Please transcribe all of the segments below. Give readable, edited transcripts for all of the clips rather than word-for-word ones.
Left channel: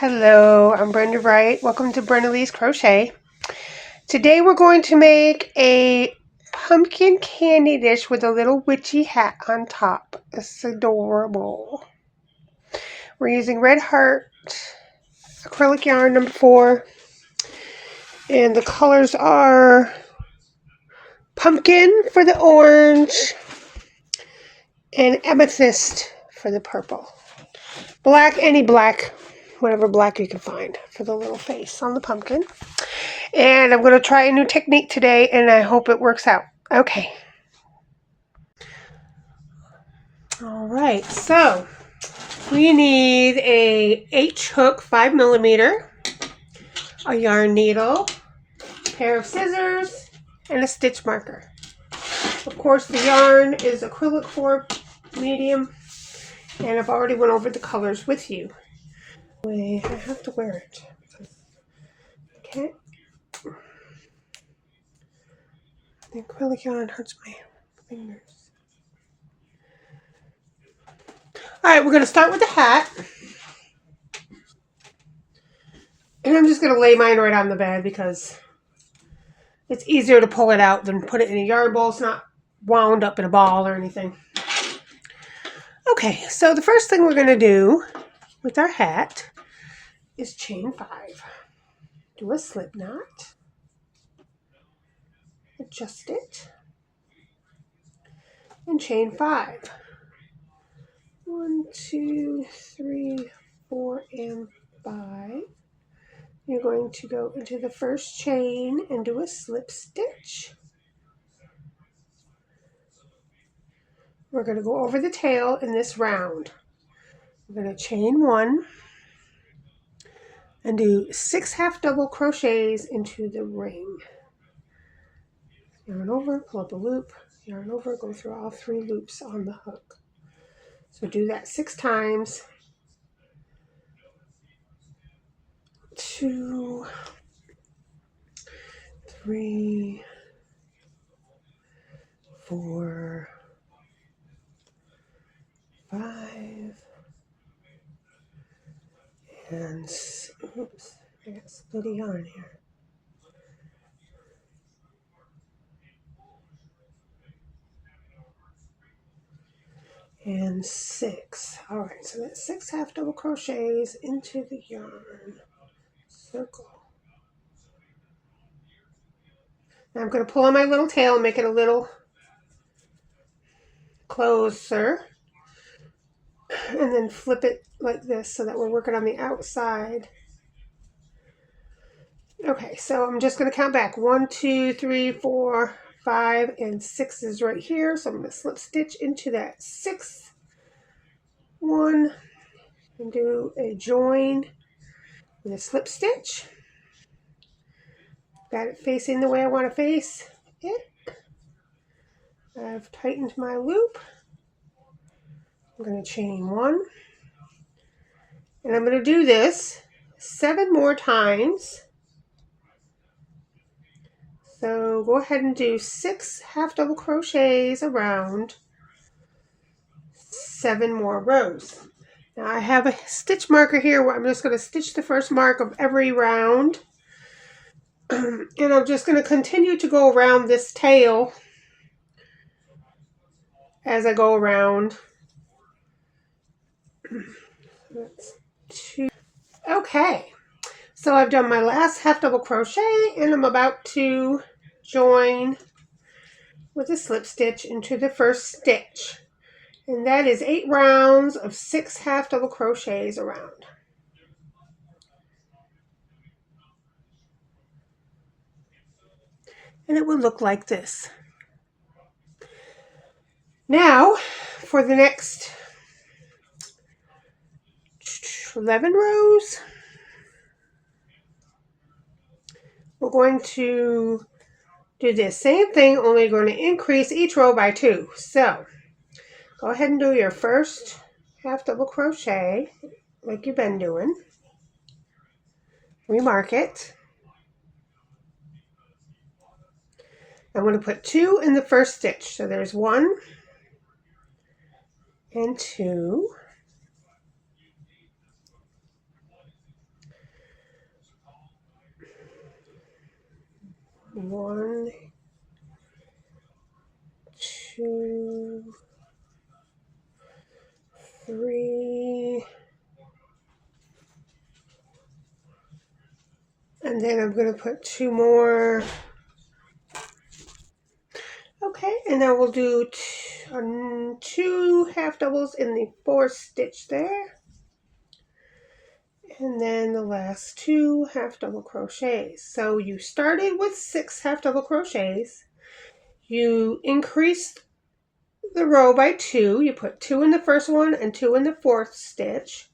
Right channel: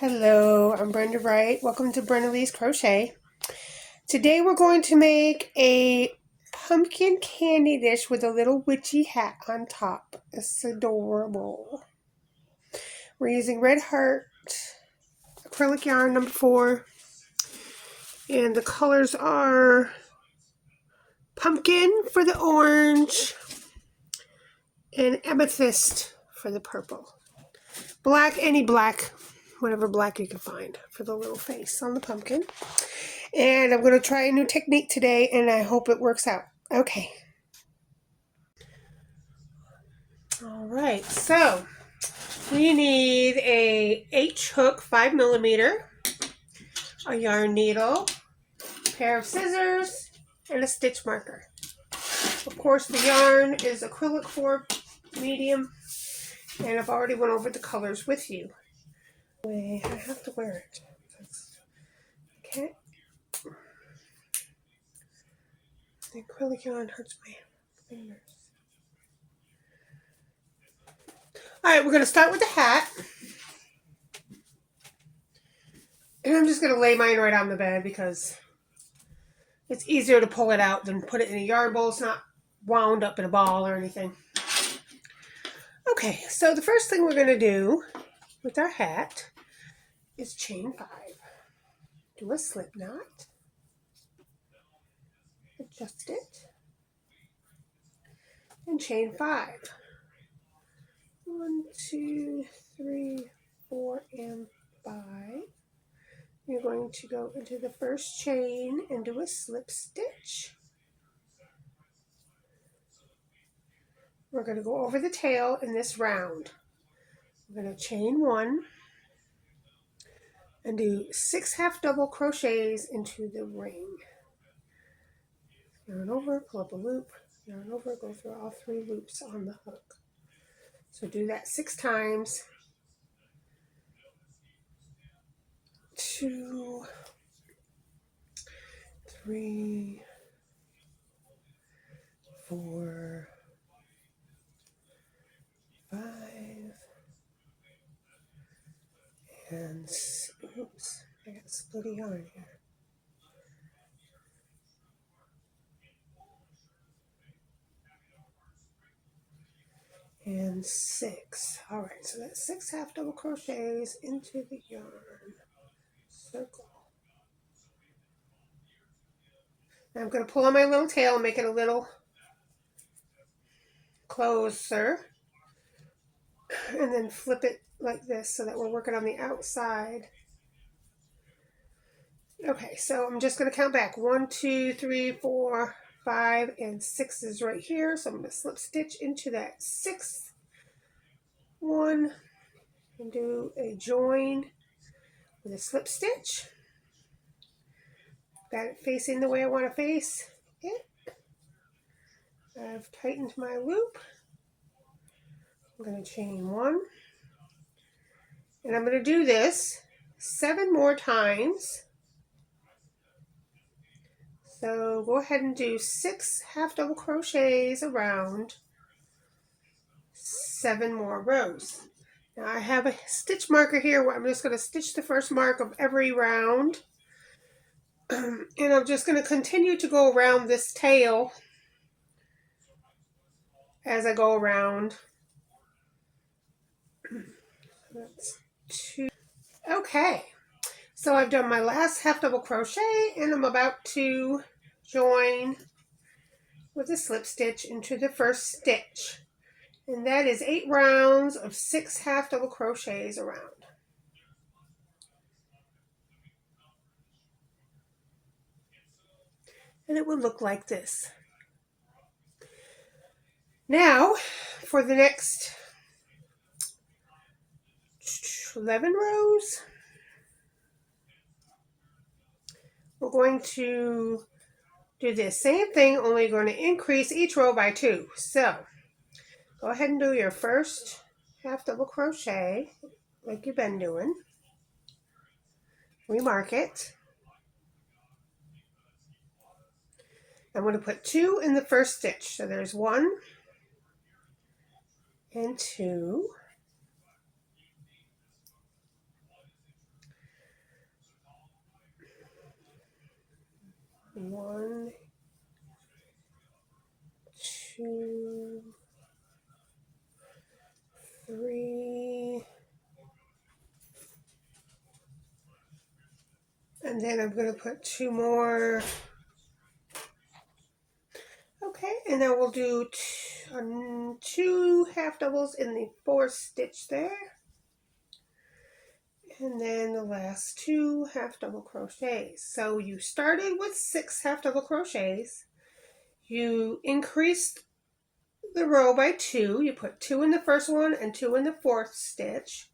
Hello, I'm Brenda Wright. Welcome to Brenda Lee's Crochet. Today we're going to make a pumpkin candy dish with a little witchy hat on top. It's adorable. We're using Red Heart acrylic yarn number 4. And the colors are pumpkin for the orange and amethyst for the purple. Black, any black, whatever black you can find for the little face on the pumpkin. And I'm going to try a new technique today, and I hope it works out. Okay. All right, so we need a H-hook 5mm, a yarn needle, a pair of scissors, and a stitch marker. Of course, the yarn is acrylic 4 medium, and I've already went over the colors with you. I have to wear it. Okay. The acrylic yarn hurts my fingers. Alright, we're going to start with the hat. And I'm just going to lay mine right on the bed because it's easier to pull it out than put it in a yarn bowl. It's not wound up in a ball or anything. Okay, so the first thing we're going to do with our hat is chain 5. Do a slip knot. Adjust it. And chain 5. 1, 2, 3, 4, and 5. You're going to go into the first chain and do a slip stitch. We're going to go over the tail in this round. We're going to chain 1 and do 6 half double crochets into the ring. Yarn over, pull up a loop, yarn over, go through all 3 loops on the hook. So do that 6 times. 2, 3, 4, 5, and oops, I got split yarn here. And 6. All right, so that's 6 half double crochets into the yarn circle. Now I'm going to pull on my little tail and make it a little closer, and then flip it like this so that we're working on the outside. Okay, so I'm just going to count back. 1, 2, 3, 4, 5, and 6 is right here. So I'm going to slip stitch into that 6th one and do a join with a slip stitch. Got it facing the way I want to face it. I've tightened my loop. I'm going to chain 1. And I'm going to do this 7 more times. So go ahead and do 6 half double crochets around 7 more rows. Now I have a stitch marker here where I'm just going to stitch the first mark of every round. And I'm just going to continue to go around this tail as I go around. That's 2. Okay, so I've done my last half double crochet and I'm about to join with a slip stitch into the first stitch. And that is 8 rounds of 6 half double crochets around. And it will look like this. Now, for the next 11 rows, we're going to do the same thing, only going to increase each row by 2. So, go ahead and do your first half double crochet like you've been doing. Remark it. I'm going to put 2 in the first stitch. So there's 1 and 2. 1, 2, 3, and then I'm going to put 2 more. Okay, and now we'll do 2 half doubles in the 4th stitch there, and then the last 2 half double crochets. So you started with 6 half double crochets, you increased the row by 2, you put 2 in the first one and 2 in the 4th stitch,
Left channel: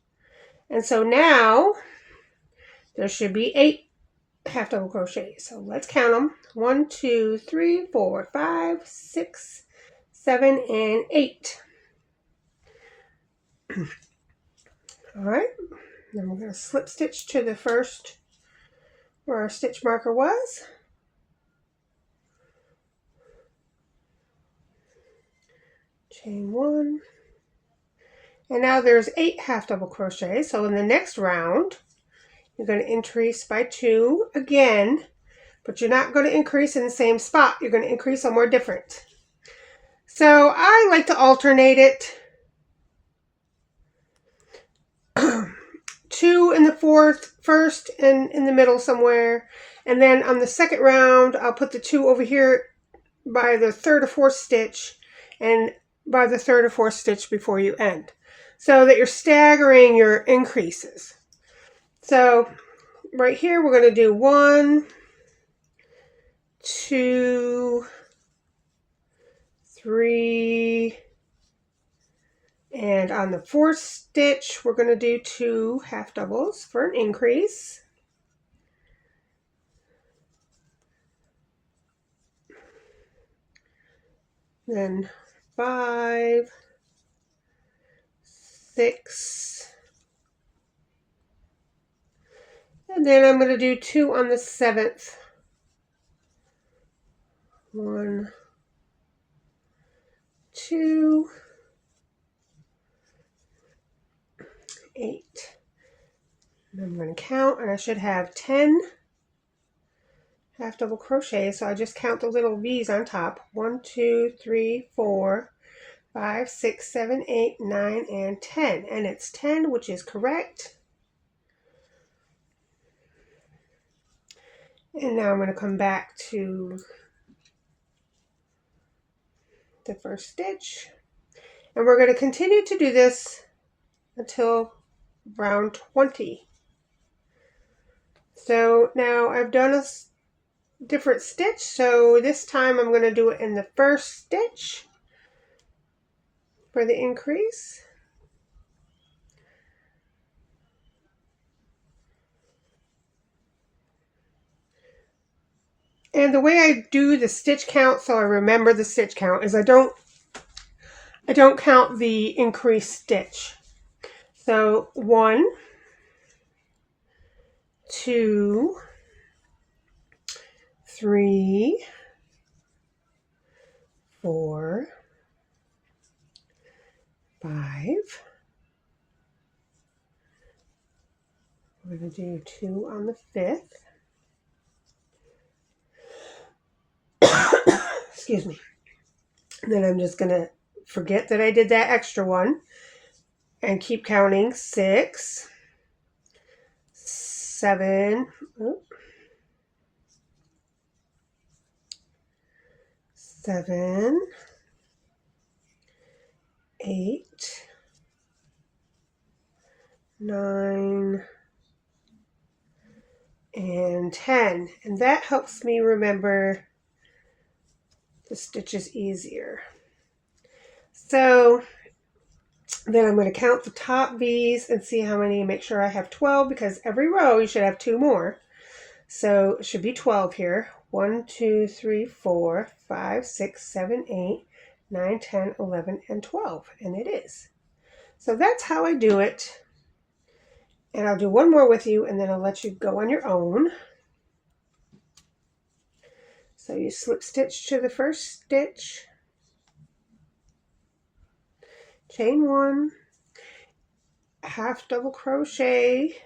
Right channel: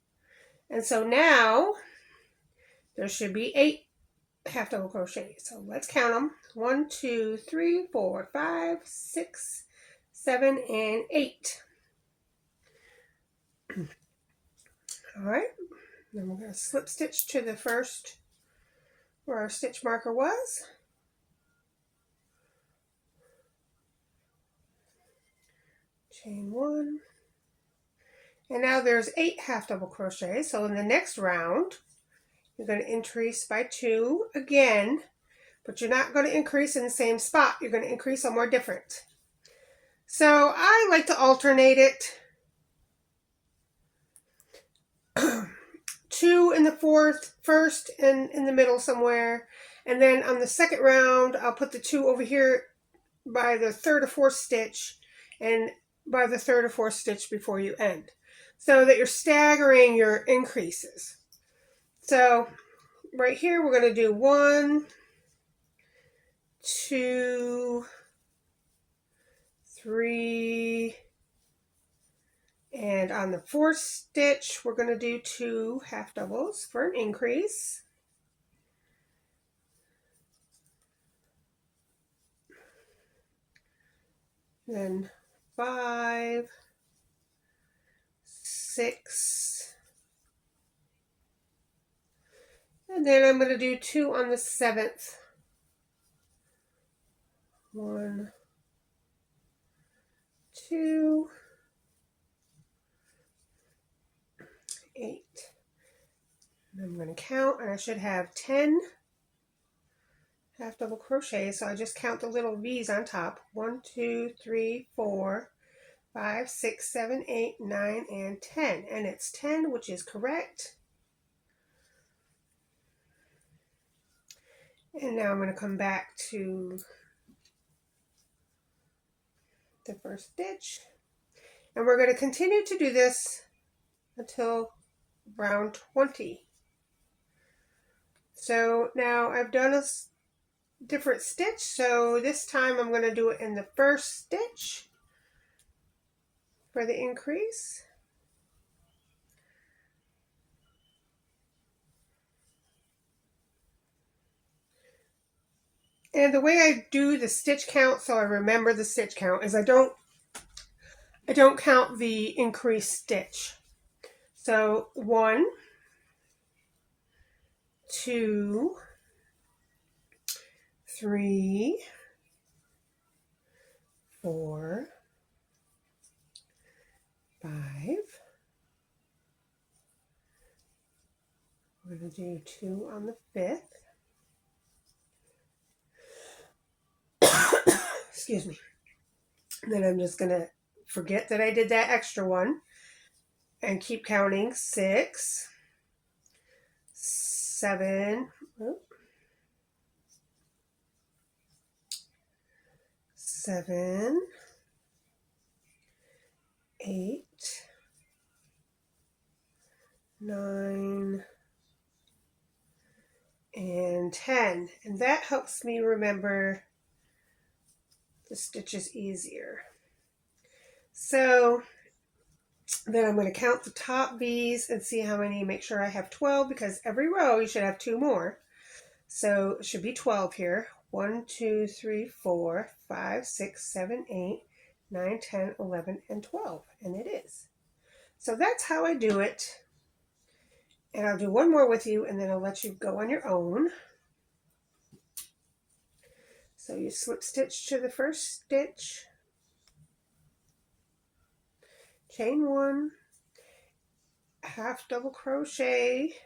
and so now there should be 8 half double crochets. So let's count them. 1, 2, 3, 4, 5, 6, 7, and 8. All right, then we're going to slip stitch to the first where our stitch marker was. Chain 1. And now there's 8 half double crochets. So in the next round, you're going to increase by 2 again, but you're not going to increase in the same spot. You're going to increase somewhere different. So I like to alternate it. 2 in the 4th first and in the middle somewhere. And then on the second round, I'll put the 2 over here by the 3rd or 4th stitch and by the 3rd or 4th stitch before you end, so that you're staggering your increases. So right here, we're going to do 1, 2, 3, and on the 4th stitch, we're going to do 2 half doubles for an increase. Then 5, 6, and then I'm going to do 2 on the 7th. 1, 2, 8. And I'm going to count, and I should have 10 half double crochet, so I just count the little V's on top. 1, 2, 3, 4, 5, 6, 7, 8, 9, and 10. And it's 10, which is correct. And now I'm going to come back to the first stitch. And we're going to continue to do this until round 20. So now I've done a different stitch, so this time I'm going to do it in the first stitch for the increase. And the way I do the stitch count, so I remember the stitch count, is I don't count the increased stitch. So 1, 2, 3, 4, 5. We're going to do 2 on the 5th. Excuse me. And then I'm just going to forget that I did that extra one and keep counting. 6, 7, 7, 8, 9, and 10. And that helps me remember the stitches easier. So then I'm going to count the top V's and see how many, make sure I have 12, because every row you should have 2 more. So it should be 12 here. 1, 2, 3, 4, 5, 6, 7, 8, 9, 10, 11, and 12. And it is. So that's how I do it. And I'll do one more with you, and then I'll let you go on your own. So you slip stitch to the first stitch, chain 1, half double crochet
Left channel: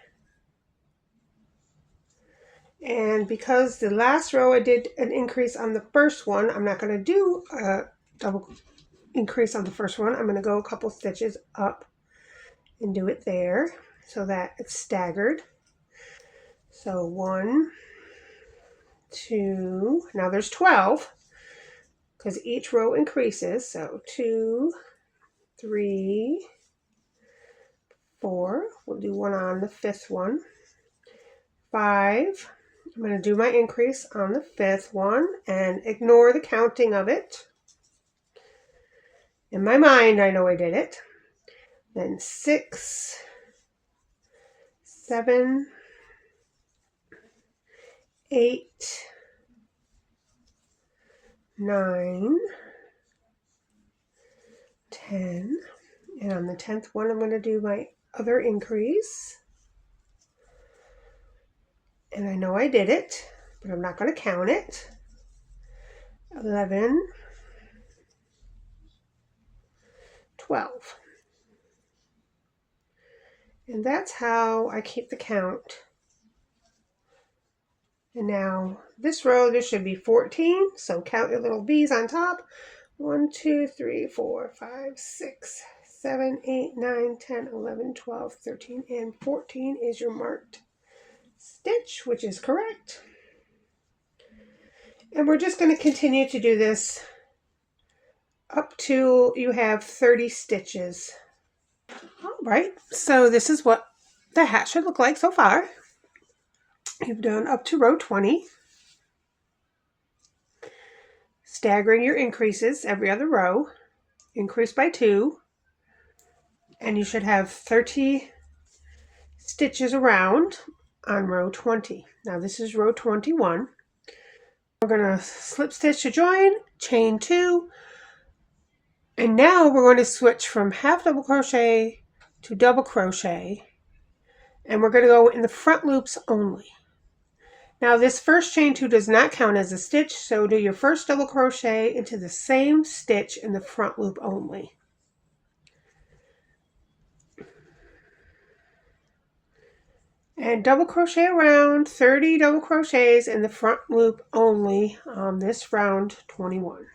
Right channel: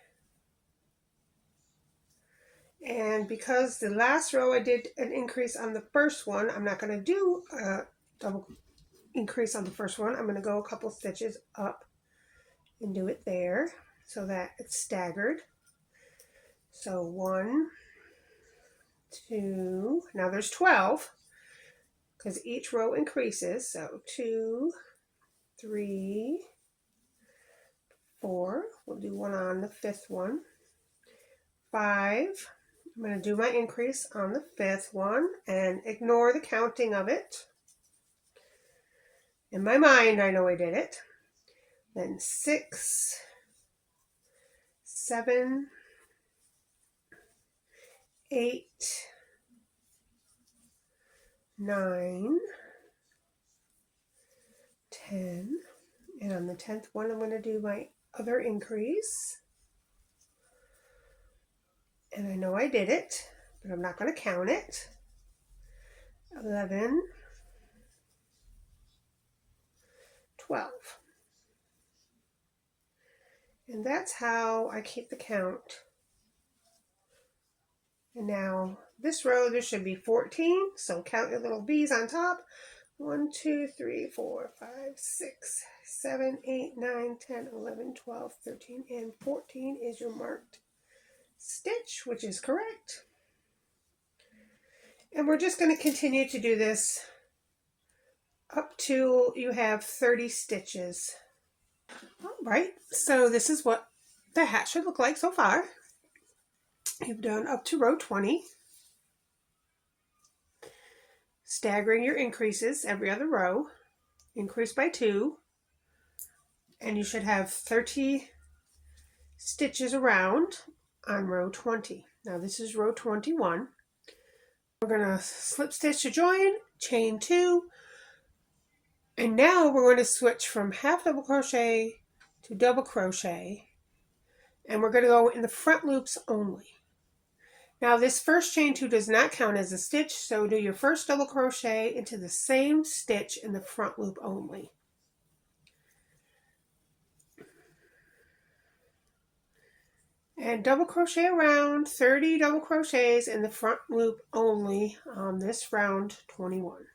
And because the last row I did an increase on the first one, I'm not going to do a double increase on the first one. I'm going to go a couple stitches up and do it there so that it's staggered. So 1, 2, now there's 12 because each row increases. So 2, 3, 4, we'll do one on the fifth one. 5, I'm going to do my increase on the fifth one and ignore the counting of it. In my mind, I know I did it. Then 6, 7, 8, 9, 10, and on the 10th one, I'm going to do my other increase. And I know I did it, but I'm not going to count it. 11, 12. And that's how I keep the count. And now this row, there should be 14. So count your little V's on top. 1, 2, 3, 4, 5, 6, 7, 8, 9, 10, 11, 12, 13, and 14 is your marked stitch, which is correct. And we're just going to continue to do this up to you have 30 stitches. All right, so this is what the hat should look like so far. You've done up to row 20. Staggering your increases every other row. Increase by 2. And you should have 30 stitches around on row 20. Now this is row 21. We're going to slip stitch to join, chain 2, and now we're going to switch from half double crochet to double crochet, and we're going to go in the front loops only. Now this first chain 2 does not count as a stitch, so do your first double crochet into the same stitch in the front loop only. And double crochet around 30 double crochets in the front loop only on this round 21.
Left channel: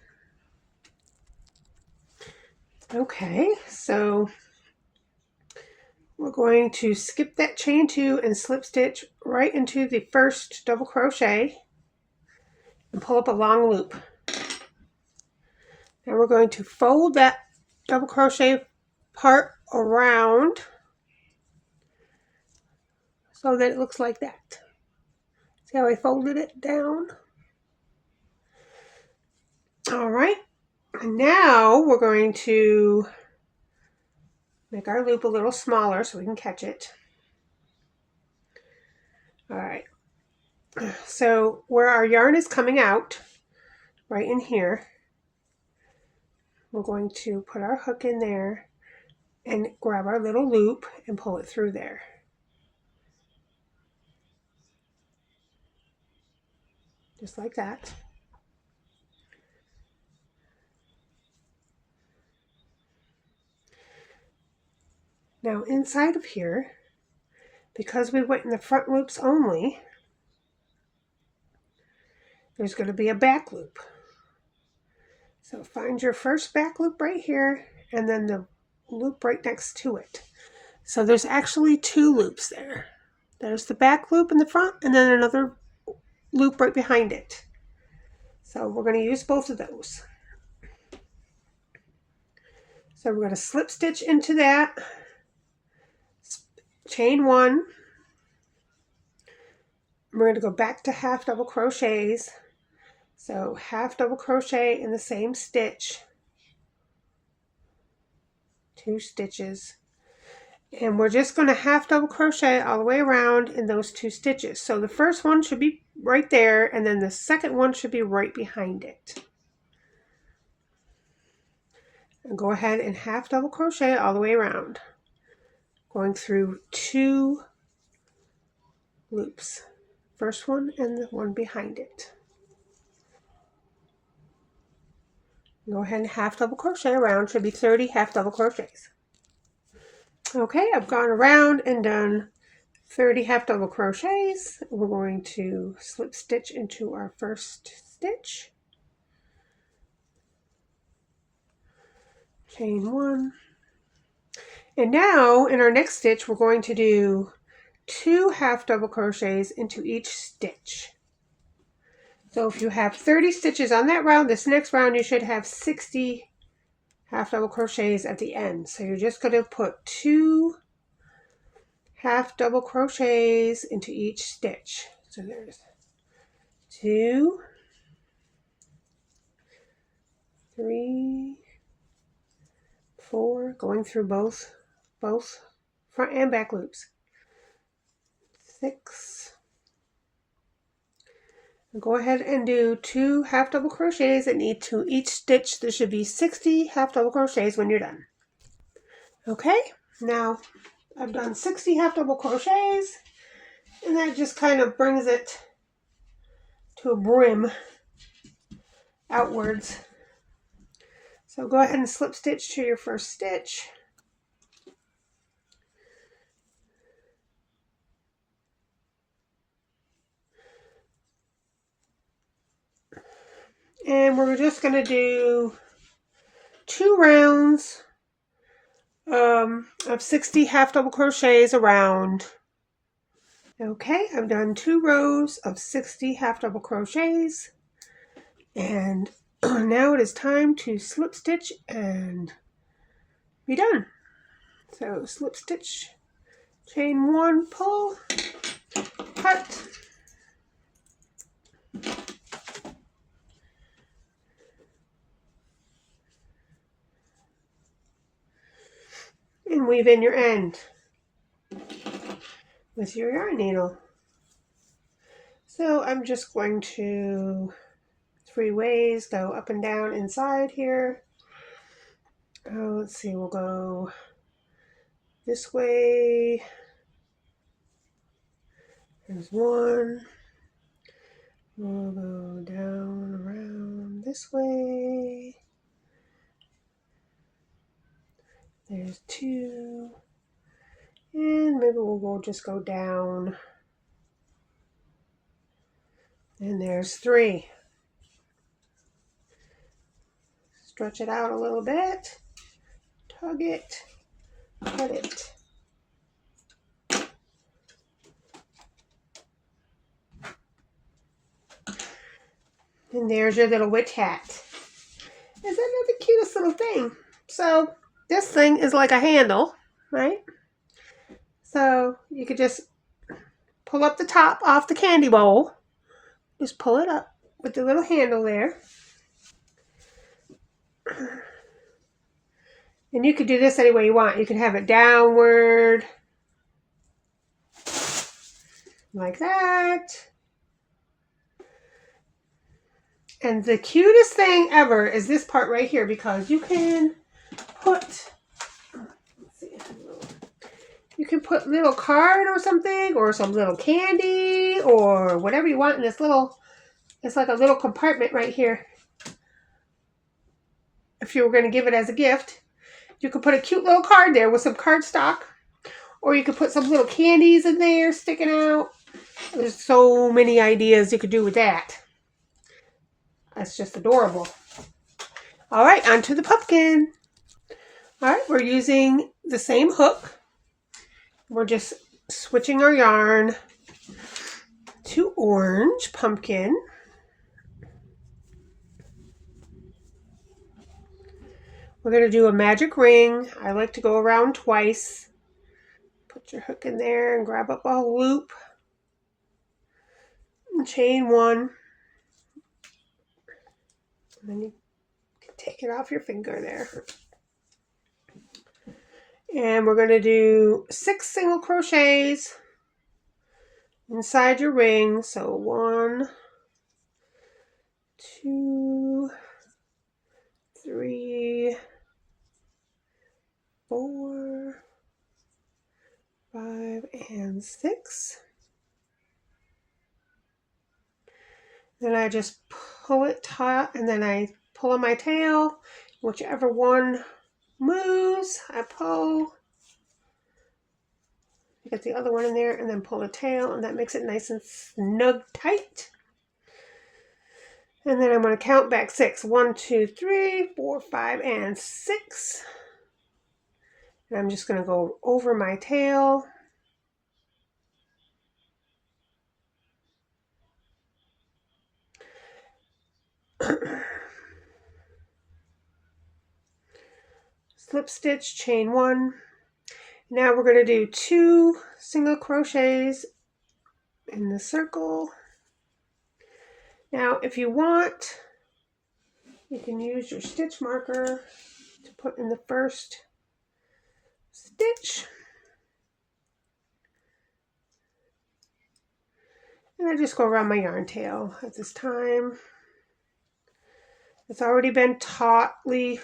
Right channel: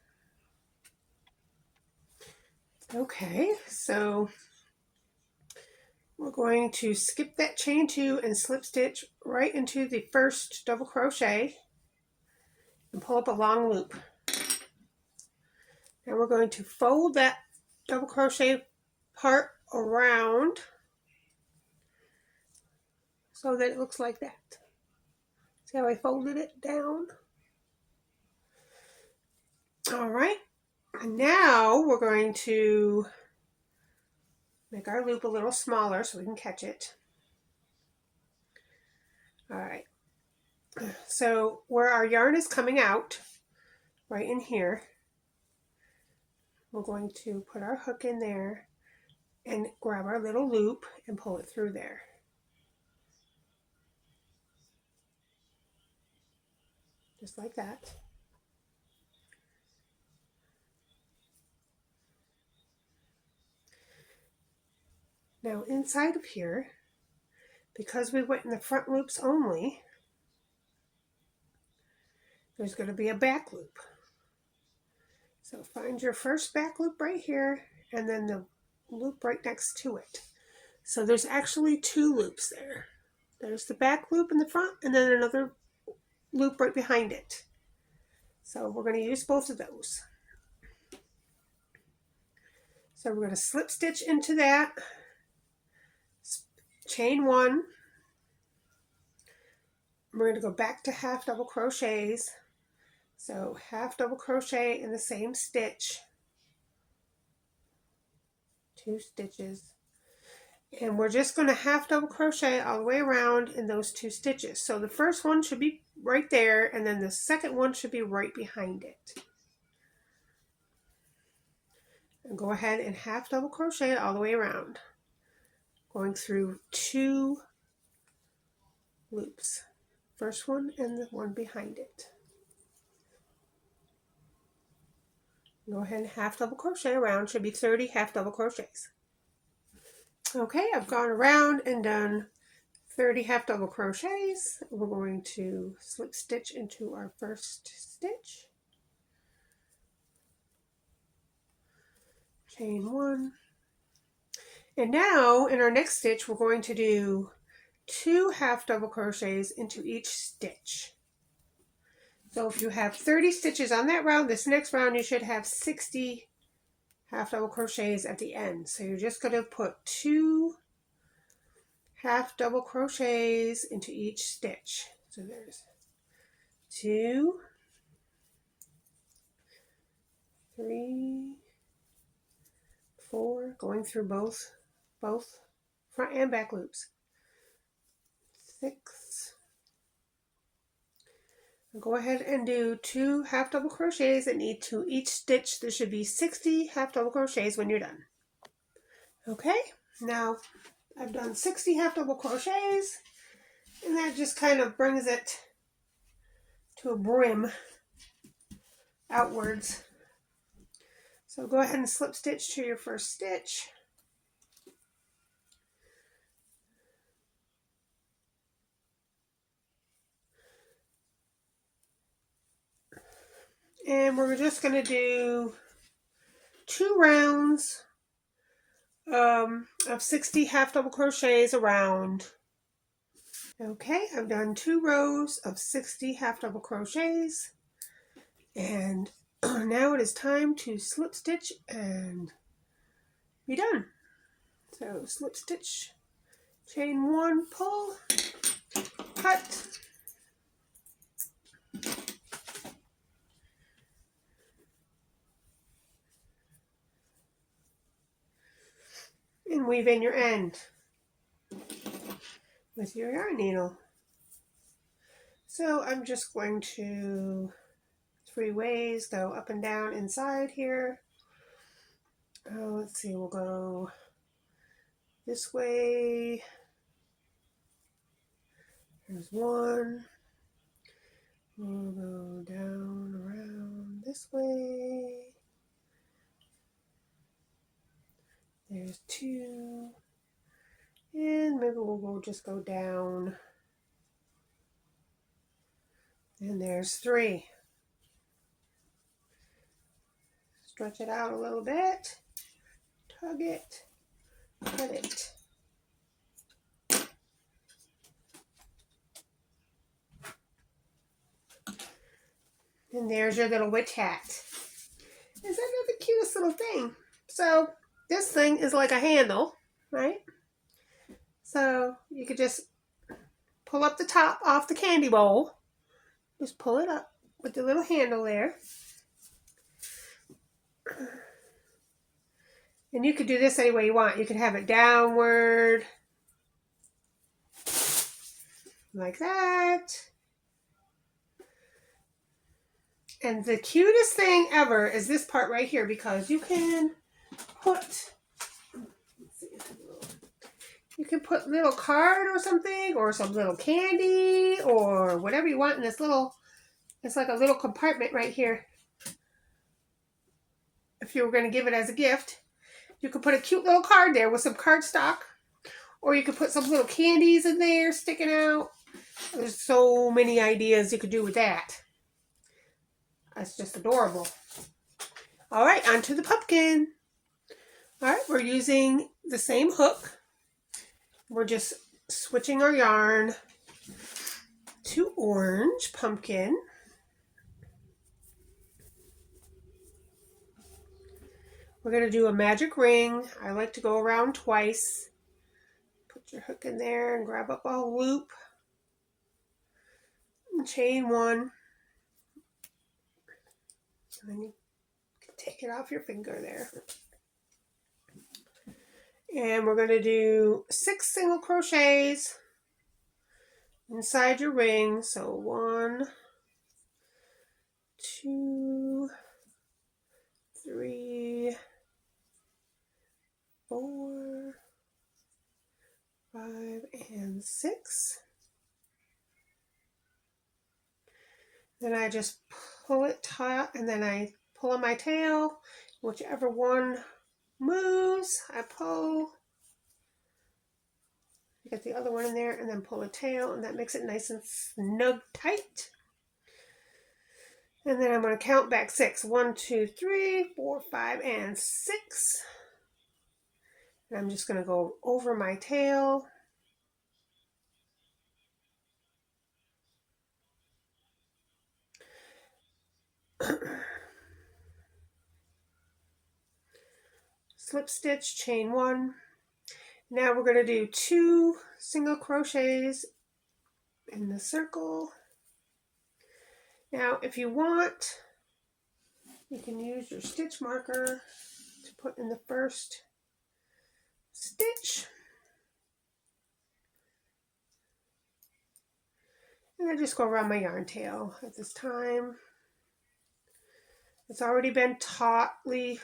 Okay, so we're going to skip that chain 2 and slip stitch right into the first double crochet and pull up a long loop. Now we're going to fold that double crochet part around so that it looks like that. See how I folded it down? All right, and now we're going to make our loop a little smaller so we can catch it. All right, so where our yarn is coming out, right in here, we're going to put our hook in there and grab our little loop and pull it through there. Just like that. Now inside of here, because we went in the front loops only, there's going to be a back loop. So find your first back loop right here and then the loop right next to it. So there's actually 2 loops there. There's the back loop in the front and then another loop right behind it. So we're going to use both of those. So we're going to slip stitch into that, chain 1. We're going to go back to half double crochets. So half double crochet in the same stitch, 2 stitches, and we're just going to half double crochet all the way around in those 2 stitches. So the first one should be right there, and then the second one should be right behind it. And go ahead and half double crochet all the way around, going through 2 loops, first one and the one behind it. Go ahead and half double crochet around, should be 30 half double crochets. Okay, I've gone around and done 30 half double crochets. We're going to slip stitch into our first stitch, chain 1, and now in our next stitch we're going to do 2 half double crochets into each stitch. So if you have 30 stitches on that round, this next round you should have 60 half double crochets at the end. So you're just going to put 2 half double crochets into each stitch. So there's 2, 3, 4, going through both front and back loops, 6. Go ahead and do 2 half double crochets and into each stitch. There should be 60 half double crochets when you're done. Okay, now I've done 60 half double crochets, and that just kind of brings it to a brim outwards. So go ahead and slip stitch to your first stitch. And we're just going to do 2 rounds of 60 half double crochets around. Okay, I've done 2 rows of 60 half double crochets, and now it is time to slip stitch and be done. So slip stitch, chain 1, pull, cut, and weave in your end with your yarn needle. So I'm just going to 3 ways go up and down inside here. Let's see, we'll go this way. There's 1. We'll go down around this way. There's 2. And maybe we'll just go down. And there's 3. Stretch it out a little bit. Tug it. Cut it. And there's your little witch hat. Isn't that the cutest little thing? So this thing is like a handle, right? So you could just pull up the top off the candy bowl. Just pull it up with the little handle there. And you could do this any way you want. You can have it downward, like that. And the cutest thing ever is this part right here, because you can put, let's see, you can put little card or something, or some little candy, or whatever you want in this little, it's like a little compartment right here. If you were going to give it as a gift, you could put a cute little card there with some cardstock, or you could put some little candies in there sticking out. There's so many ideas you could do with that. That's just adorable. All right, onto the pumpkin. All right, we're using the same hook. We're just switching our yarn to orange pumpkin. We're going to do a magic ring. I like to go around twice. Put your hook in there and grab up a loop. And chain 1. And then you can take it off your finger there. And we're going to do 6 single crochets inside your ring. So 1, 2, 3, 4, 5, and 6. Then I just pull it taut, and then I pull on my tail. Whichever one moves, I pull. Get the other one in there and then pull the tail, and that makes it nice and snug tight. And then I'm going to count back 6. 1, 2, 3, 4, 5, and 6. And I'm just going to go over my tail. Slip stitch, chain 1. Now we're going to do 2 single crochets in the circle. Now if you want, you can use your stitch marker to put in the first stitch. And I just go around my yarn tail at this time. It's already been tautly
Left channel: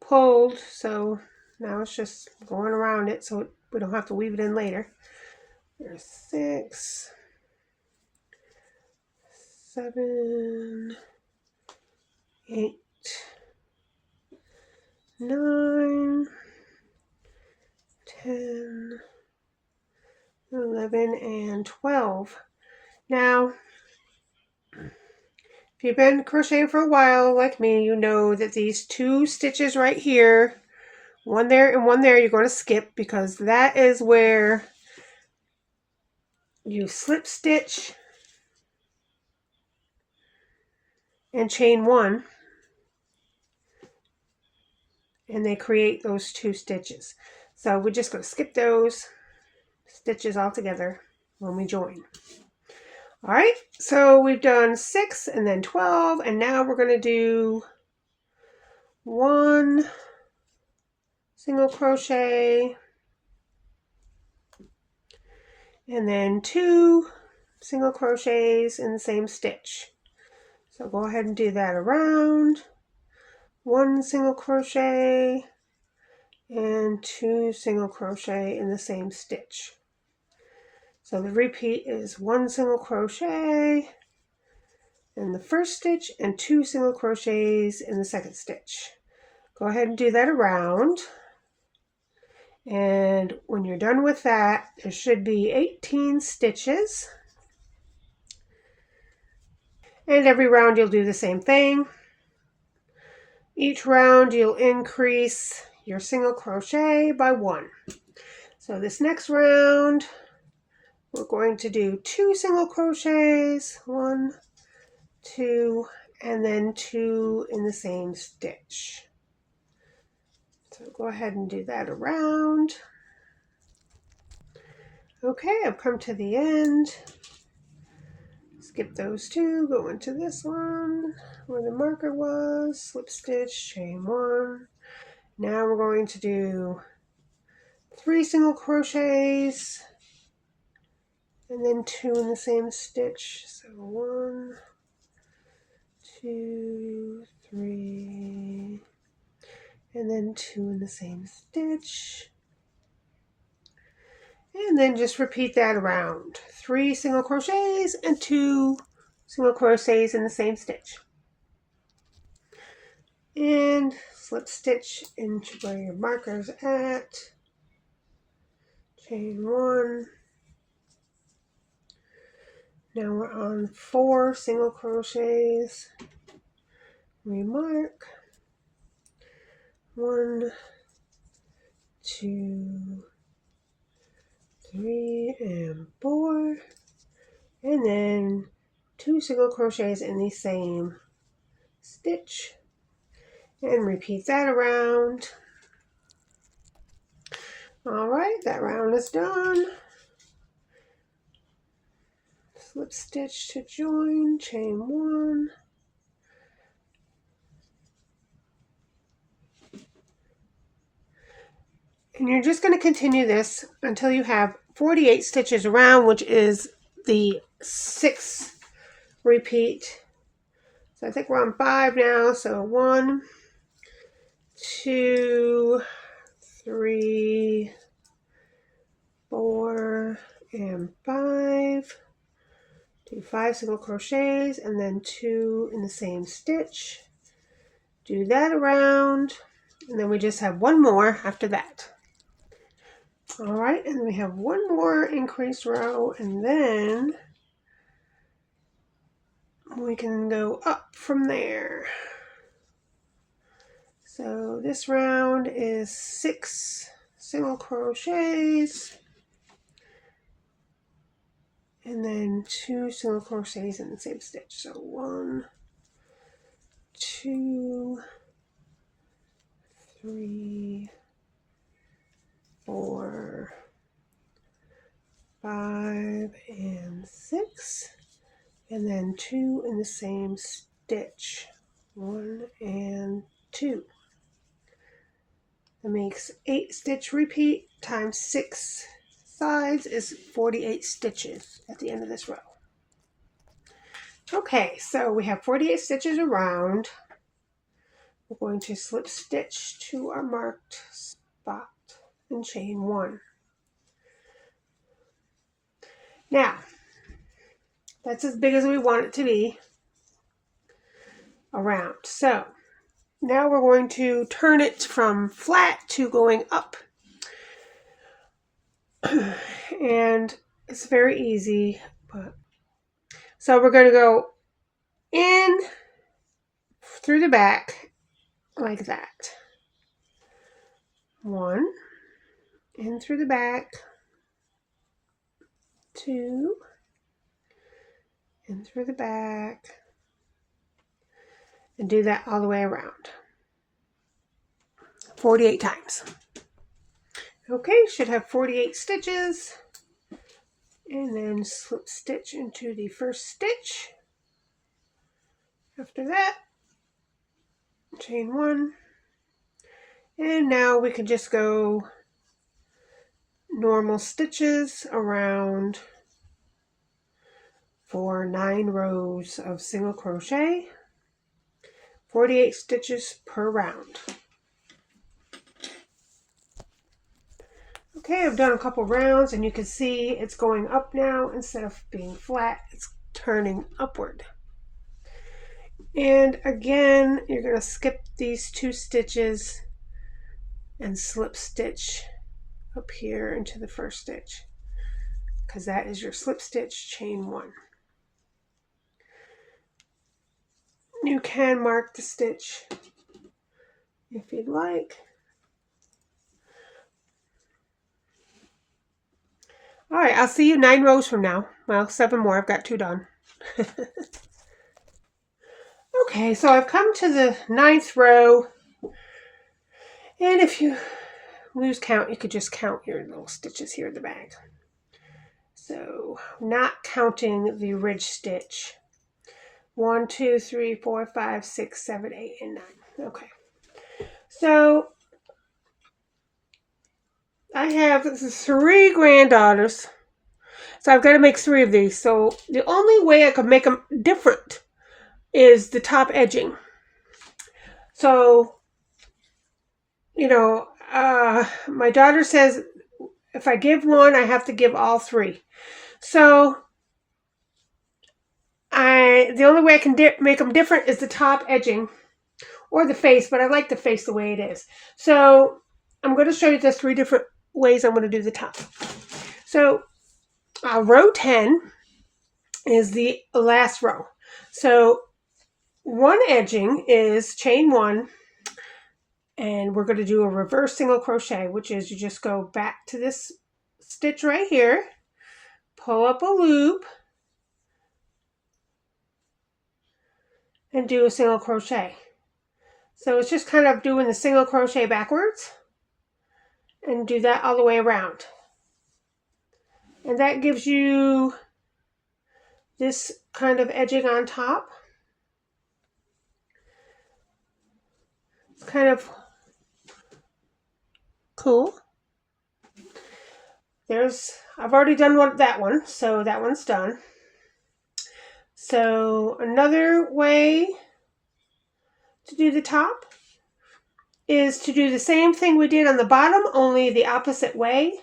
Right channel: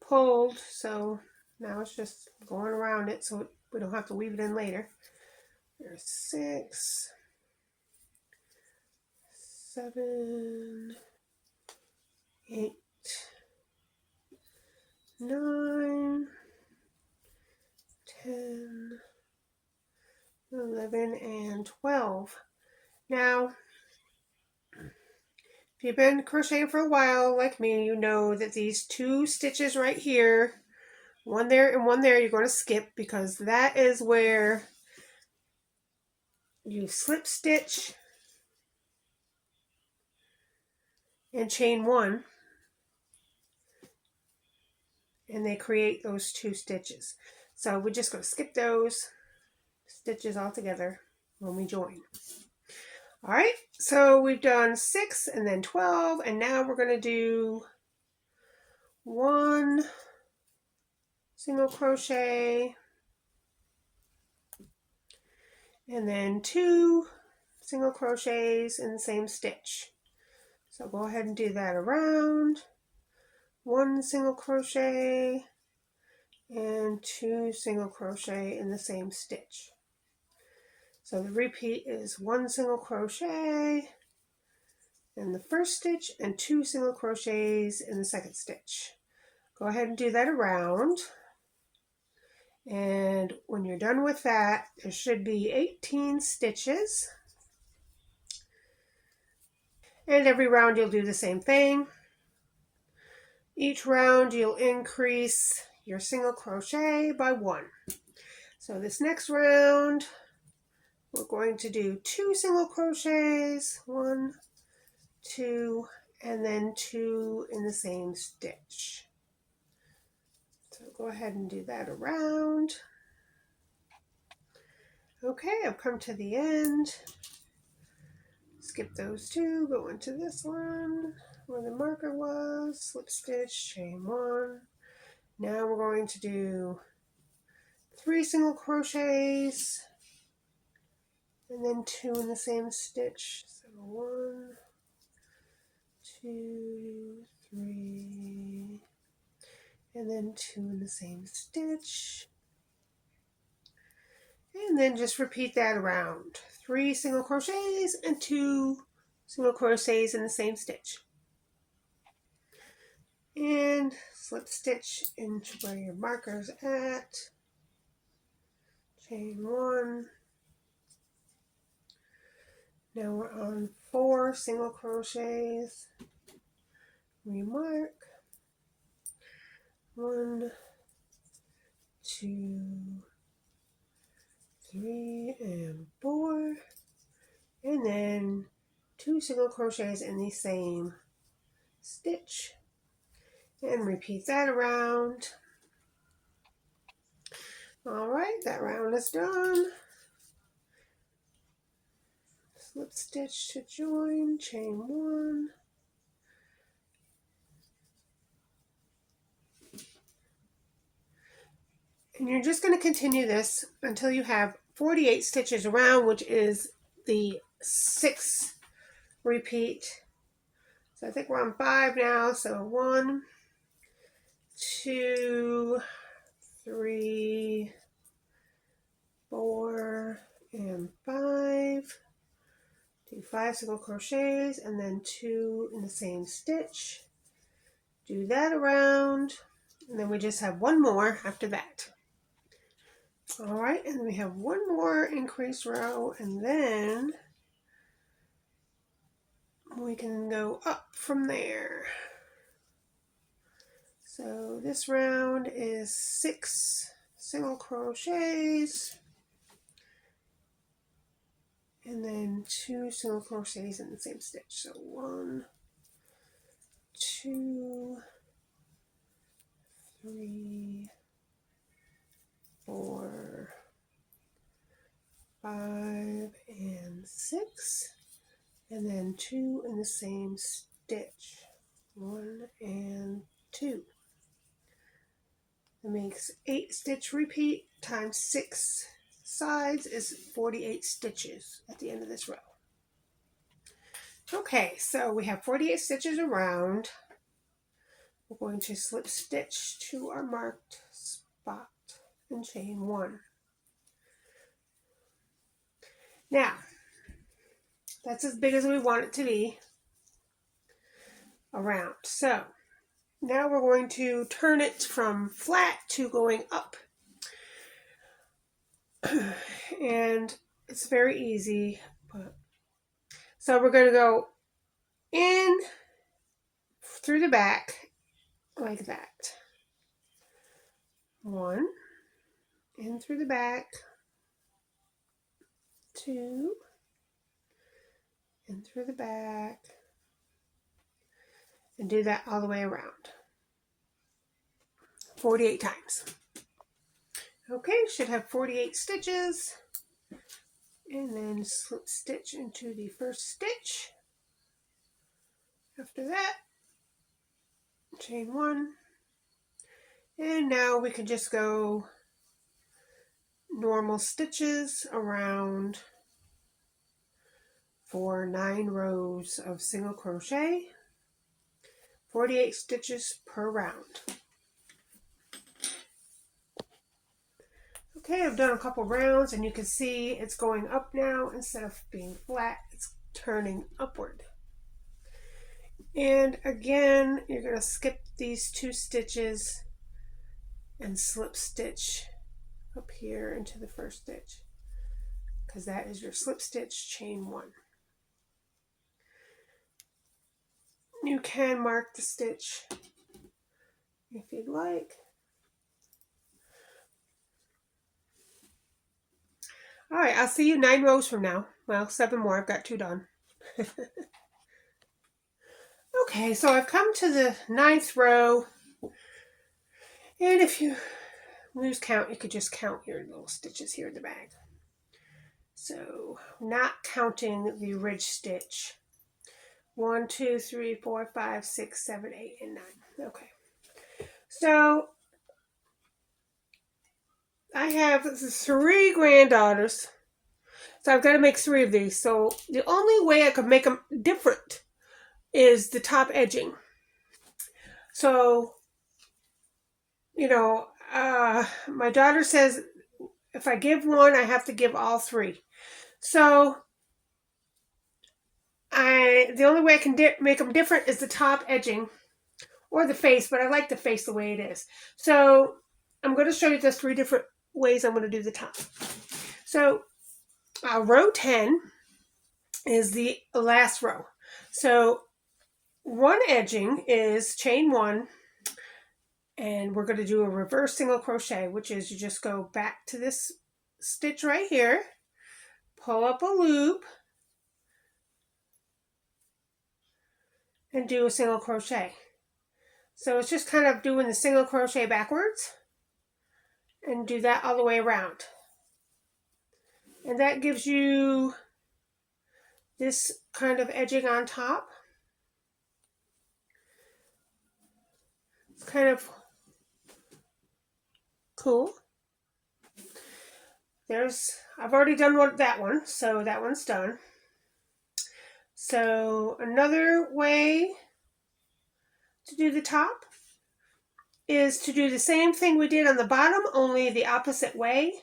pulled, so now it's just going around it so we don't have to weave it in later. There's 6, 7, 8, 9, 10, 11, and 12. Now, if you've been crocheting for a while like me, you know that these 2 stitches right here, one there and one there, you're going to skip, because that is where you slip stitch and chain 1, and they create those 2 stitches. So we're just going to skip those stitches altogether when we join. All right, so we've done 6 and then 12, and now we're going to do 1 single crochet and then 2 single crochets in the same stitch. So go ahead and do that around. 1 single crochet and 2 single crochet in the same stitch. So the repeat is 1 single crochet in the first stitch and 2 single crochets in the second stitch. Go ahead and do that around. And when you're done with that, there should be 18 stitches. And every round you'll do the same thing. Each round you'll increase your single crochet by 1. So this next round, we're going to do 2 single crochets, 1, 2, and then 2 in the same stitch. So go ahead and do that around. Okay, I've come to the end. Skip those 2, go into this one where the marker was, slip stitch, chain 1. Now we're going to do 3 single crochets and then 2 in the same stitch. So 1, 2, 3, and then 2 in the same stitch. And then just repeat that around. 3 single crochets and 2 single crochets in the same stitch. And slip stitch into where your marker's at. Chain 1. Now we're on 4 single crochets. Remark. 1, 2, 3, and 4. And then 2 single crochets in the same stitch. And repeat that around. All right, that round is done. Slip stitch to join, chain 1. And you're just going to continue this until you have 48 stitches around, which is the 6th repeat. So I think we're on 5 now. So 1, 2, 3, 4, and 5. Do 5 single crochets and then 2 in the same stitch. Do that around, and then we just have 1 more after that. All right, and we have one more increased row, and then we can go up from there. So this round is 6 single crochets and then 2 single crochets in the same stitch. So 1, 2, 3, 4, 5, and 6, and then 2 in the same stitch. 1 and 2. That makes 8 stitch repeat times 6 sides is 48 stitches at the end of this row. Okay, so we have 48 stitches around. We're going to slip stitch to our marked spot and chain 1. Now, that's as big as we want it to be around. So now we're going to turn it from flat to going up. And it's very easy. So we're going to go in through the back like that. 1, in through the back, 2, in through the back, and do that all the way around 48 times. Okay, should have 48 stitches, and then slip stitch into the first stitch. After that, chain 1, and now we can just go normal stitches around for 9 rows of single crochet, 48 stitches per round. Okay, I've done a couple rounds and you can see it's going up now. Instead of being flat, it's turning upward. And again, you're going to skip these 2 stitches and slip stitch up here into the first stitch, because that is your slip stitch, chain 1. You can mark the stitch if you'd like. All right, I'll see you 9 rows from now. Well, 7 more. I've got 2 done. Okay, so I've come to the 9th row. And if you lose count, you could just count your little stitches here in the back. So, not counting the ridge stitch. 1, 2, 3, 4, 5, 6, 7, 8, and 9. Okay. So, I have 3 granddaughters. So I've got to make 3 of these. So the only way I could make them different is the top edging. So, you know, my daughter says if I give one, I have to give all 3. So the only way I can make them different is the top edging or the face, but I like the face the way it is. So I'm going to show you the 3 different ways I'm going to do the top. So row 10 is the last row. So one edging is chain 1, and we're going to do a reverse single crochet, which is you just go back to this stitch right here, pull up a loop, and do a single crochet. So it's just kind of doing the single crochet backwards, and do that all the way around. And that gives you this kind of edging on top. It's kind of cool. I've already done that one, so that one's done. So another way to do the top is to do the same thing we did on the bottom, only the opposite way.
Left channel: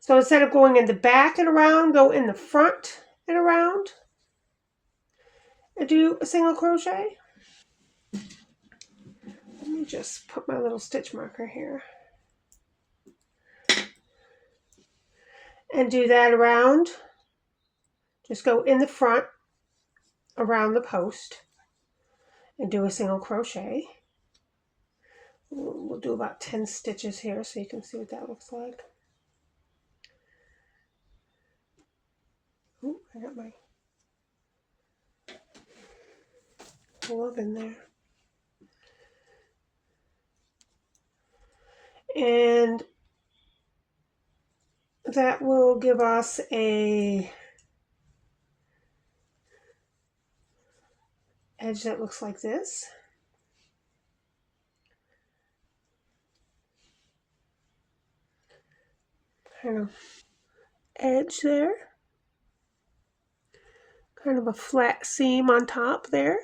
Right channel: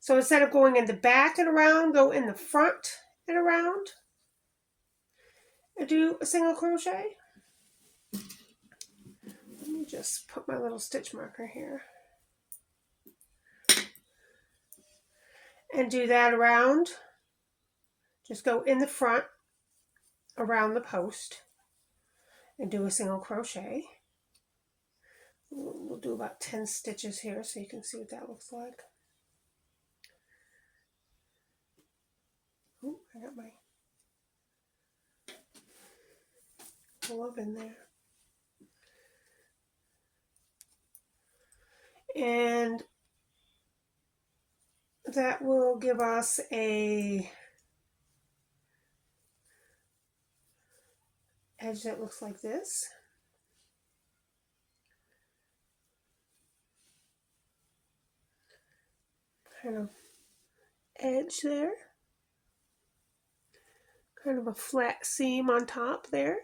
So instead of going in the back and around, go in the front and around and do a single crochet. Let me just put my little stitch marker here. and do that around. Just go in the front around the post and do a single crochet. We'll do about 10 stitches here so you can see what that looks like. Oh, I got my glove in there. And that will give us a edge that looks like this. Kind of edge there. Kind of a flat seam on top there.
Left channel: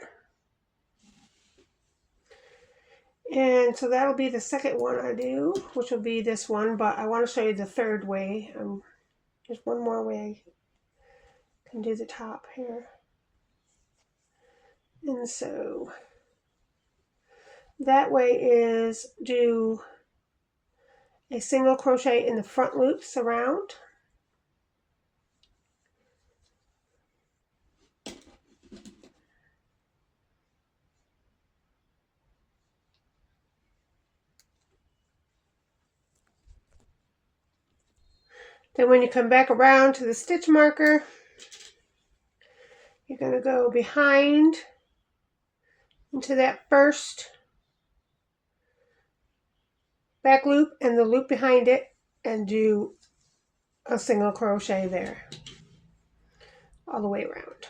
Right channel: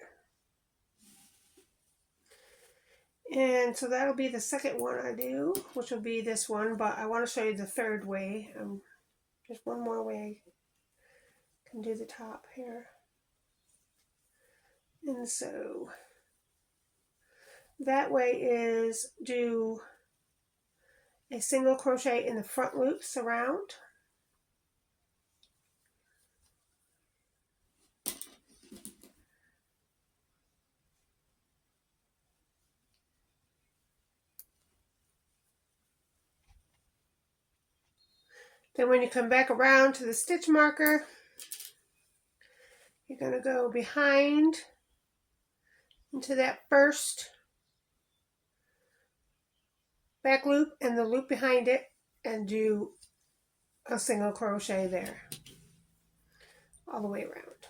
And so that'll be the second one I do, which will be this one, but I want to show you the third way. There's one more way I can do the top here. And so that way is do a single crochet in the front loops around. Then when you come back around to the stitch marker, you're going to go behind into that first back loop and the loop behind it and do a single crochet there all the way around.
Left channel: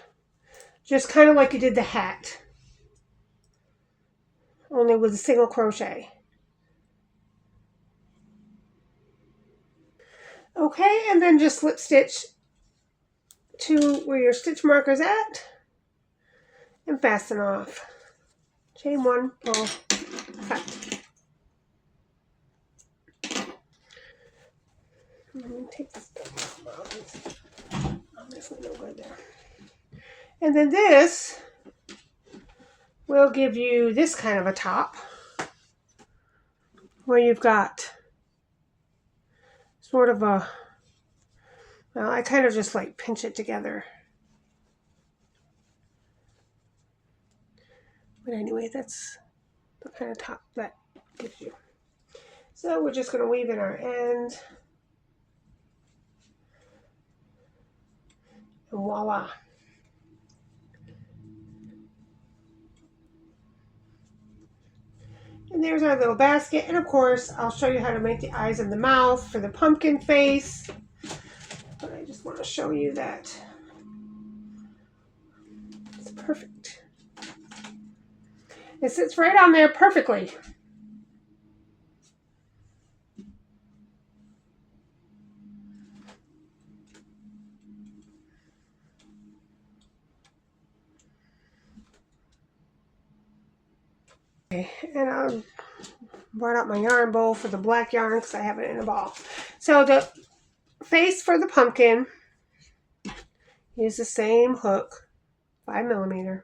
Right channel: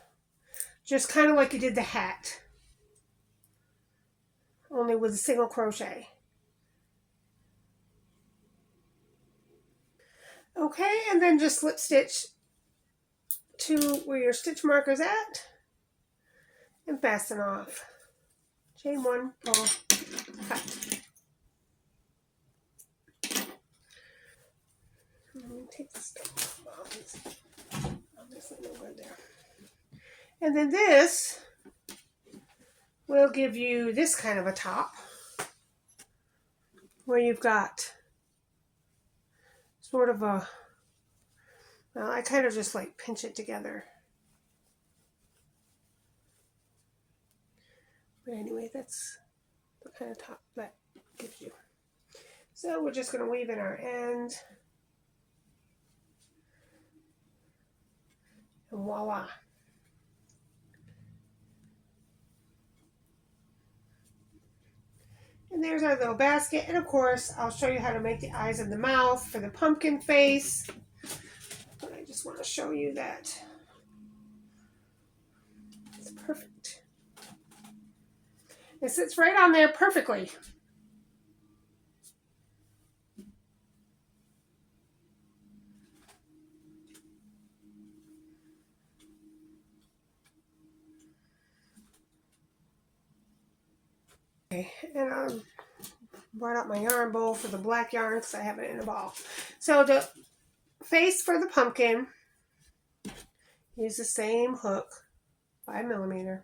Just kind of like you did the hat, only with a single crochet. Okay, and then just slip stitch to where your stitch marker's at and fasten off. Chain one, pull, cut. Let me take this out. It's obviously no good there. And then this will give you this kind of a top where you've got sort of a, well, I kind of just like pinch it together. But anyway, that's the kind of top that gives you. So we're just going to weave in our ends. And voila. And there's our little basket. And of course, I'll show you how to make the eyes and the mouth for the pumpkin face. But I just want to show you that it's perfect. It sits right on there perfectly. And I brought out my yarn bowl for the black yarn because I have it in a ball. So the face for the pumpkin, use the same hook, 5mm.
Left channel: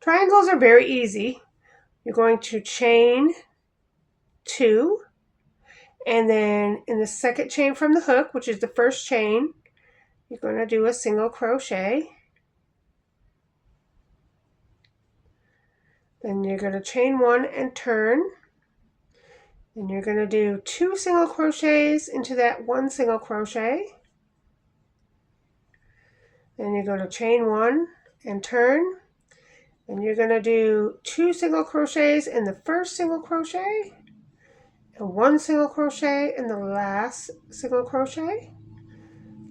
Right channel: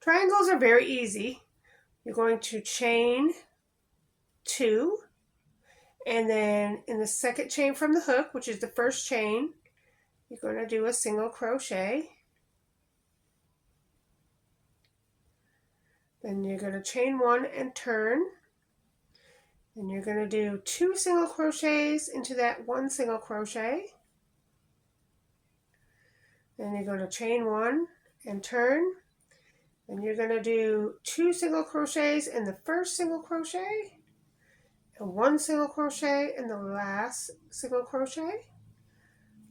Triangles are very easy. You're going to chain 2, and then in the second chain from the hook, which is the first chain, you're going to do a single crochet. Then you're going to chain 1 and turn. Then you're going to do 2 single crochets into that 1 single crochet. Then you're going to chain 1 and turn. Then you're going to do 2 single crochets in the first single crochet and 1 single crochet in the last single crochet.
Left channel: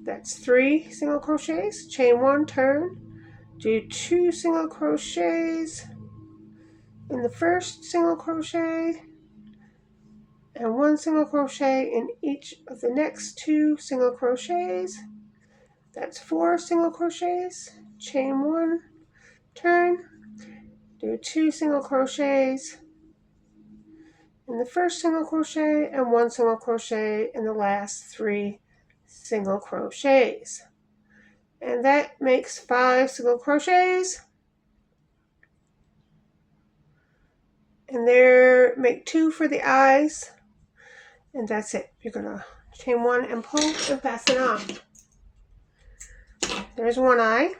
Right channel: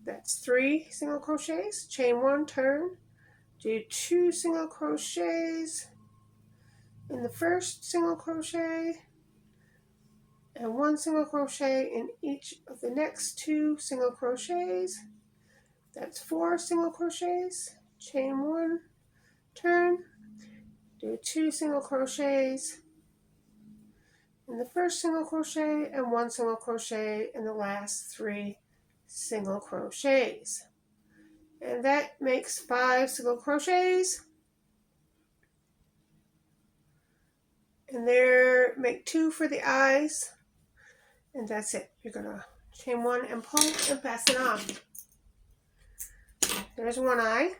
That's 3 single crochets. Chain 1, turn, do 2 single crochets in the first single crochet and 1 single crochet in each of the next 2 single crochets. That's 4 single crochets. Chain 1, turn, do 2 single crochets in the first single crochet and 1 single crochet in the last 3 single crochets. And that makes 5 single crochets. And there, make 2 for the eyes. And that's it. You're going to Chain one and pull and fasten off. There's one eye.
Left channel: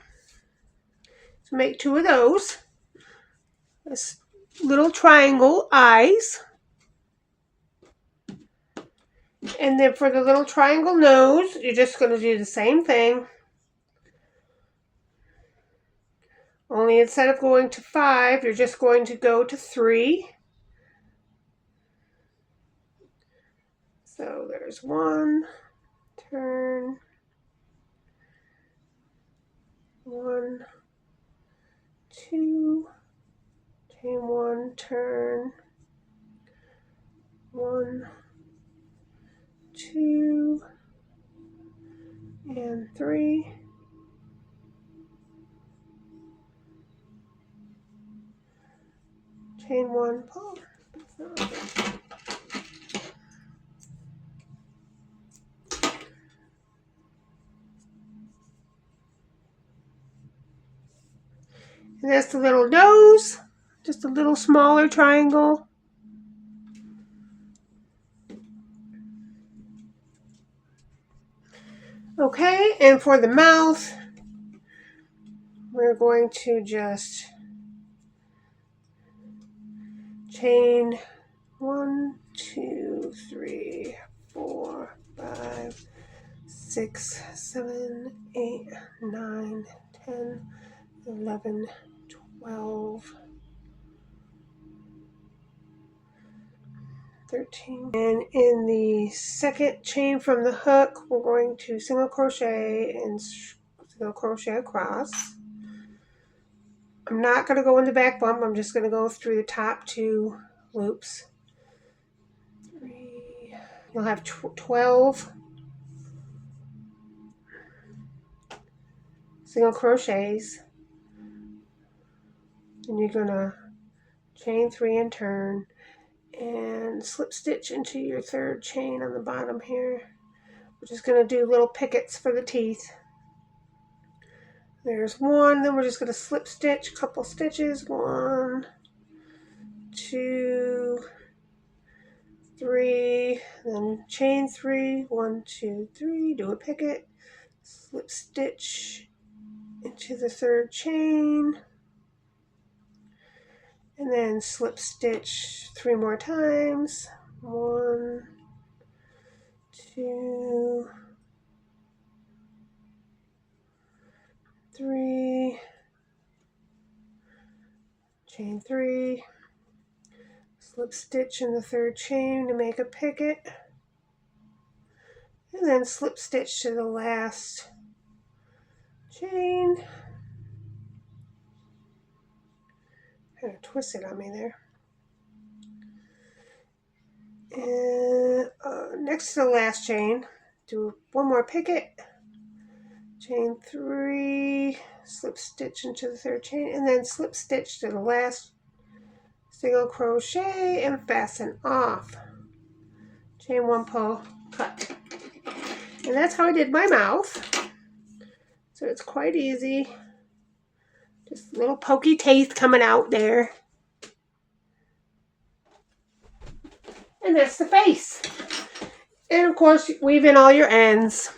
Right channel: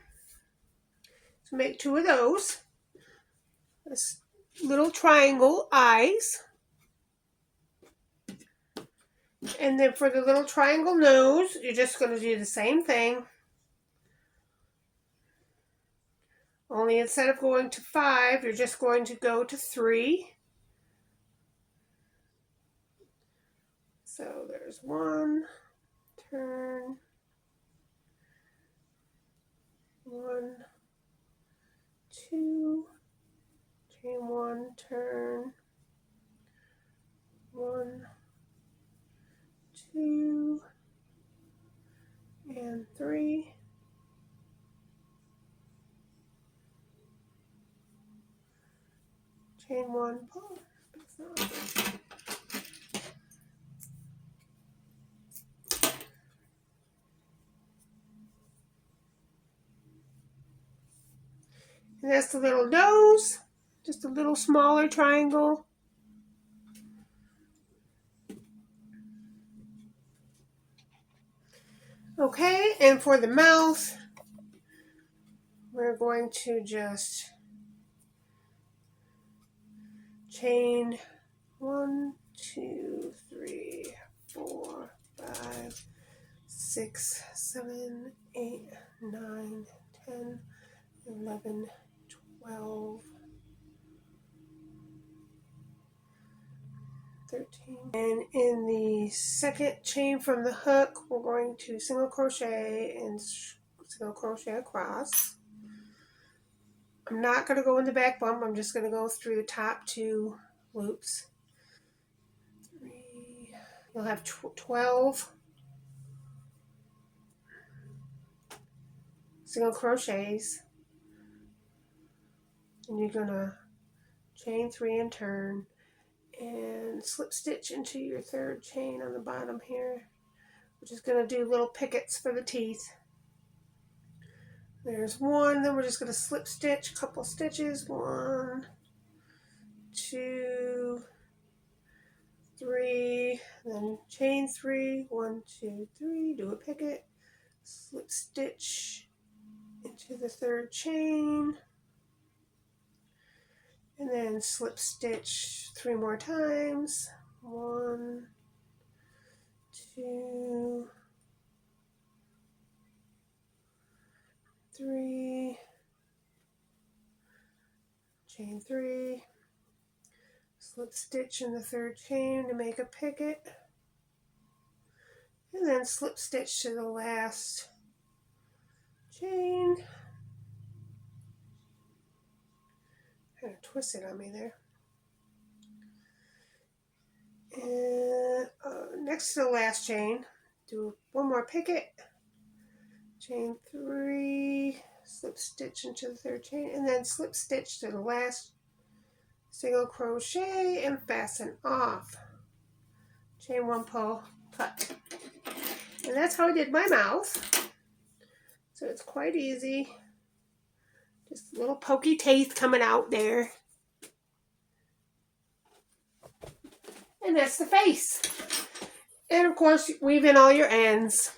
So make two of those. This little triangle eyes. And then for the little triangle nose, you're just going to do the same thing. Only instead of going to 5, you're just going to go to 3. So there's 1, turn, 1, 2, chain 1, turn, 1, 2, and 3. Chain 1, pull. And that's the little nose, just a little smaller triangle. Okay, and for the mouth, we're going to just chain 1, 2, 3, 4, 5, 6, 7, 8, 9, 10, 11, 12, 13. And in the second chain from the hook, we're going to single crochet and single crochet across. I'm not going to go in the back bump. I'm just going to go through the top 2 loops. 3. You'll have 12 single crochets. And you're going to chain 3 and turn and slip stitch into your 3rd chain on the bottom here. We're just going to do little pickets for the teeth. There's 1, then we're just going to slip stitch a couple stitches. 1, 2, 3, then chain 3, 1, 2, 3, do a picket, slip stitch into the 3rd chain, and then slip stitch 3 more times. 1, 2, 3, chain 3, slip stitch in the 3rd chain to make a picket, and then slip stitch to the last chain. Kind of twisted on me there. And next to the last chain, do 1 more picket, chain 3, slip stitch into the 3rd chain, and then slip stitch to the last single crochet and fasten off. Chain 1, pull, cut. And that's how I did my mouth. So it's quite easy. Just little pokey teeth coming out there. And that's the face. And of course, weave in all your ends.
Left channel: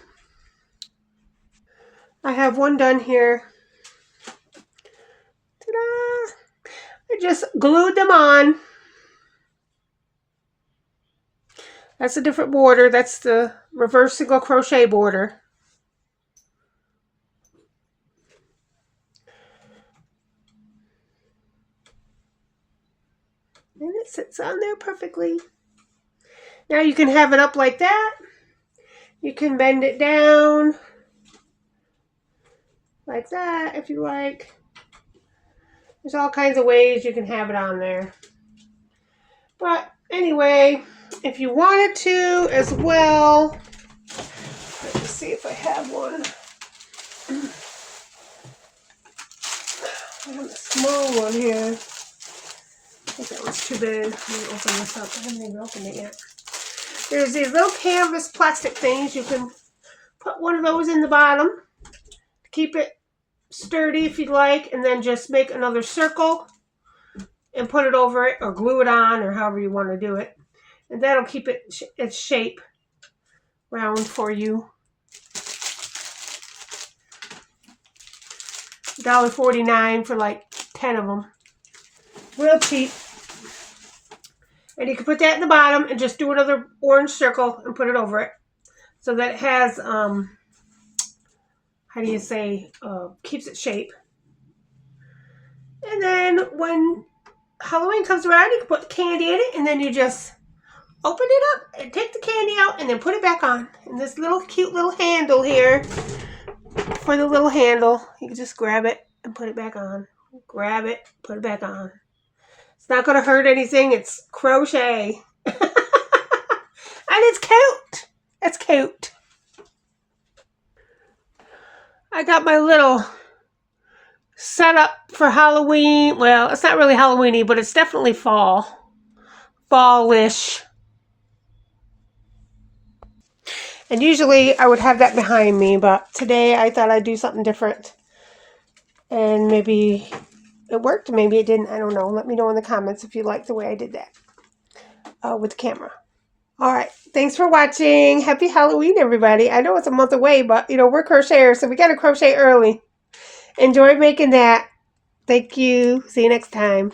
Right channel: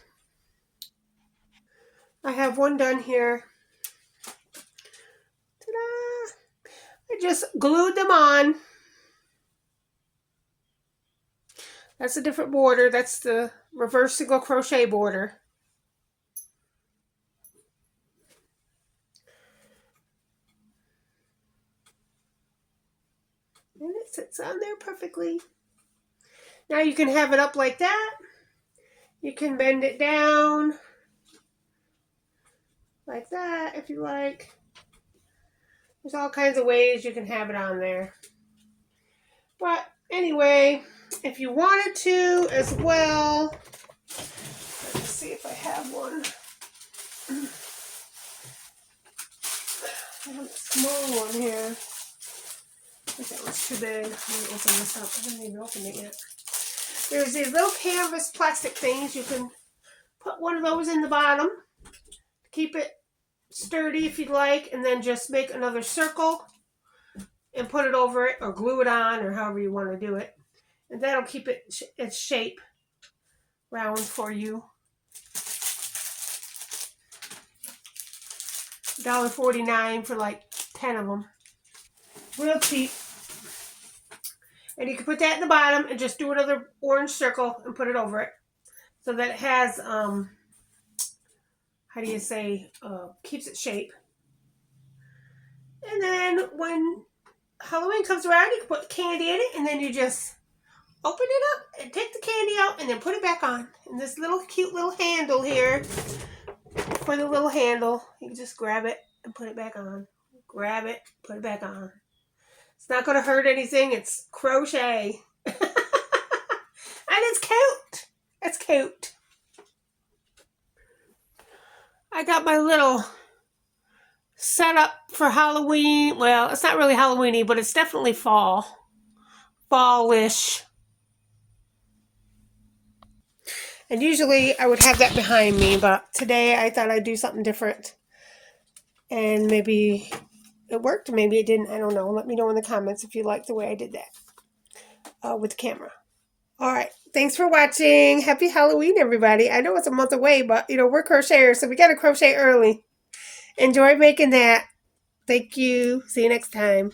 I have one done here. Ta-da! I just glued them on. That's a different border. That's the reverse single crochet border. And it sits on there perfectly. Now you can have it up like that. You can bend it down like that if you like. There's all kinds of ways you can have it on there. But anyway, if you wanted to as well, let's see if I have one. I have a small one here. I think that was too big. Let me open this up. I haven't even opened it yet. There's these little canvas plastic things. You can put one of those in the bottom to keep it sturdy if you'd like, and then just make another circle and put it over it or glue it on or however you want to do it. And that'll keep it its shape round for you. $1.49 for like 10 of them. Real cheap. And you can put that in the bottom and just do another orange circle and put it over it. So that it has, how do you say, keeps its shape. And then when Halloween comes around, you can put candy in it, and then you just open it up and take the candy out and then put it back on. And this little cute little handle here, for the little handle, you can just grab it and put it back on. Grab it, put it back on. It's not going to hurt anything. It's crochet. And it's cute. It's cute. I got my little setup for Halloween. Well, it's not really Halloweeny, but it's definitely fall. Fallish. And usually I would have that behind me, but today I thought I'd do something different. And maybe it worked, maybe it didn't. I don't know. Let me know in the comments if you like the way I did that with the camera. All right. Thanks for watching. Happy Halloween, everybody. I know it's a month away, but, we're crocheters, so we got to crochet early. Enjoy making that. Thank you. See you next time.